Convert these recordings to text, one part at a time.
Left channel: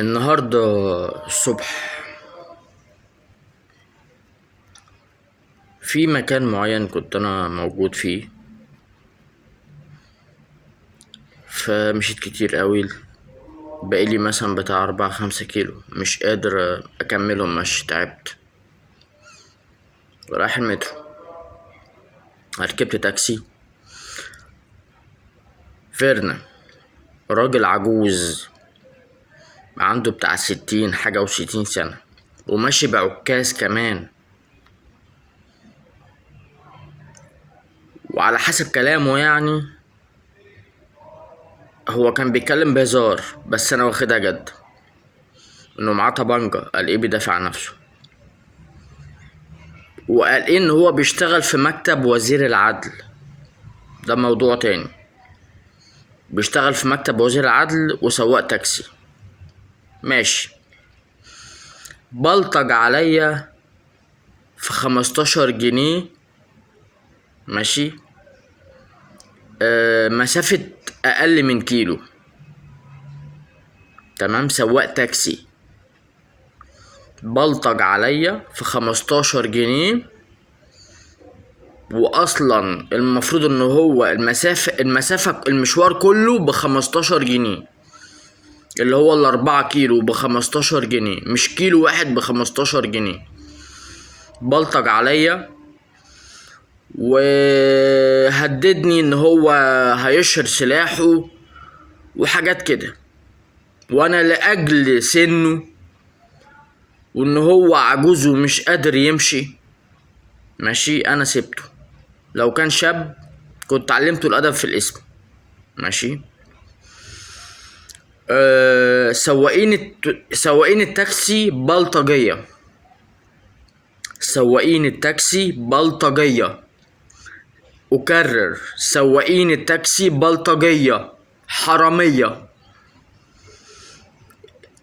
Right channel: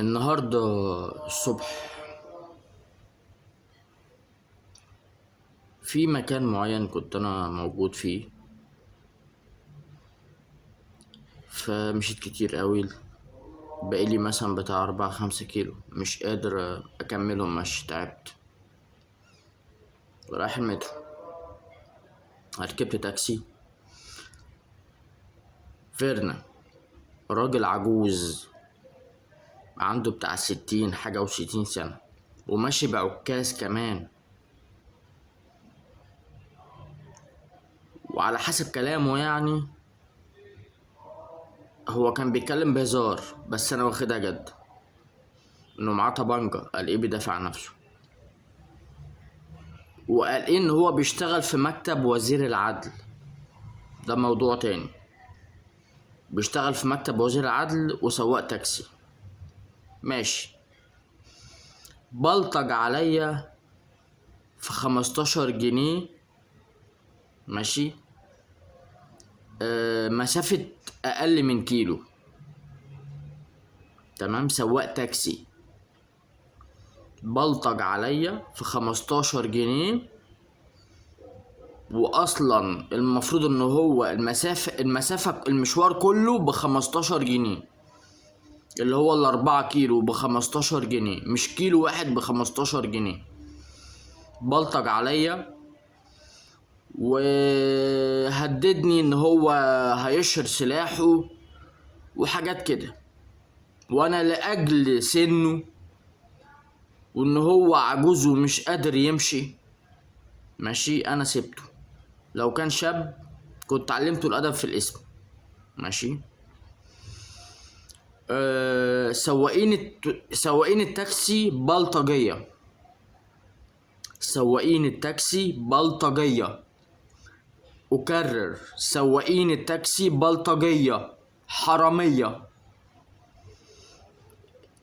النهاردة الصبح في مكان معين كنت أنا موجود فيه، فمشيت كتير قوي. بقالي مثلا بتاع 4-5 كيلو مش قادر أكملهم، مش تعبت. رايح المترو، ركبت تاكسي. فيرنا راجل عجوز عنده بتاع 60 حاجة و60 سنة، وماشي بعكاز كمان. وعلى حسب كلامه يعني هو كان بيتكلم بهزار، بس انا واخدها جد انه معاه طبنجة. قال ايه؟ بيدافع عن نفسه. وقال ايه؟ ان هو بيشتغل في مكتب وزير العدل. ده موضوع تاني. بيشتغل في مكتب وزير العدل وسواق تاكسي. ماشي. بلطج عليا في 15 جنيه. ماشي. مسافة اقل من كيلو. تمام. سواق تاكسي بلطج عليا في 15 جنيه، واصلا المفروض ان هو المسافة المشوار كله ب15 جنيه، اللي هو ال4 كيلو ب15 جنيه، مش كيلو واحد ب15 جنيه. بلطج عليا وهددني ان هو هيشهر سلاحه وحاجات كده. وانا لاجل سنه وان هو عجوز ومش قادر يمشي، ماشي، انا سبته. لو كان شاب كنت علمته الادب في الاسم. ماشي. سواقين التاكسي بلطجية. سواقين التاكسي بلطجية. أكرر، سواقين التاكسي بلطجية، حرامية.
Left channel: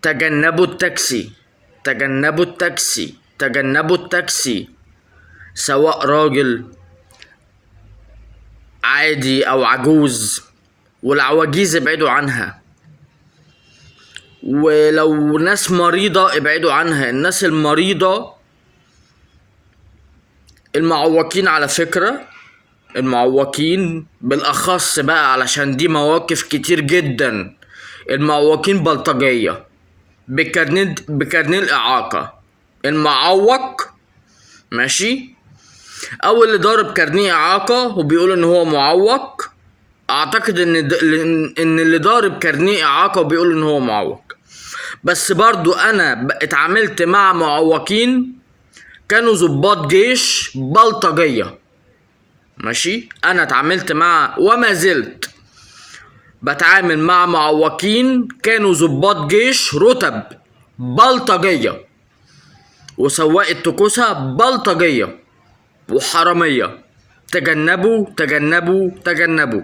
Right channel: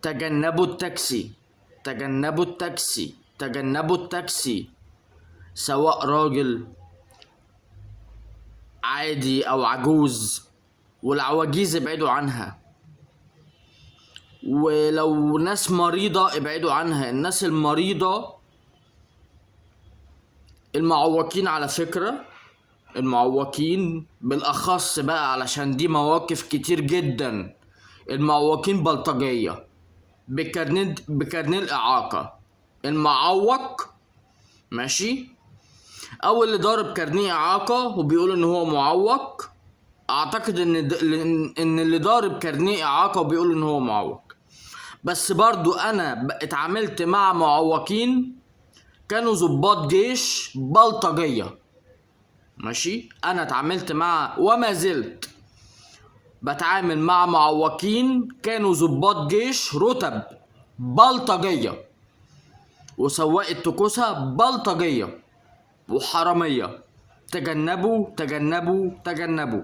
تجنبوا التاكسي، تجنبوا التاكسي، تجنبوا التاكسي. سواء راجل عادي أو عجوز، والعواجيز ابعدوا عنها. ولو ناس مريضة ابعدوا عنها. الناس المريضة، المعوقين على فكرة، المعوقين بالأخص بقى علشان دي مواقف كتير جدا. المعوقين بلطجية بكارنيه الإعاقة. المعوق، ماشي، أو اللي ضارب كارنيه إعاقة وبيقول إن هو معوق. أعتقد إن اللي ضارب كارنيه إعاقة وبيقول إن هو معوق. بس برضو أنا اتعاملت مع معوقين كانوا ضباط جيش بلطجية. ماشي. انا اتعاملت مع وما زلت بتعامل مع معوقين كانوا ضباط جيش رتب بلطجية، وسواق التكوسة بلطجية وحرامية. تجنبوا تجنبوا تجنبوا.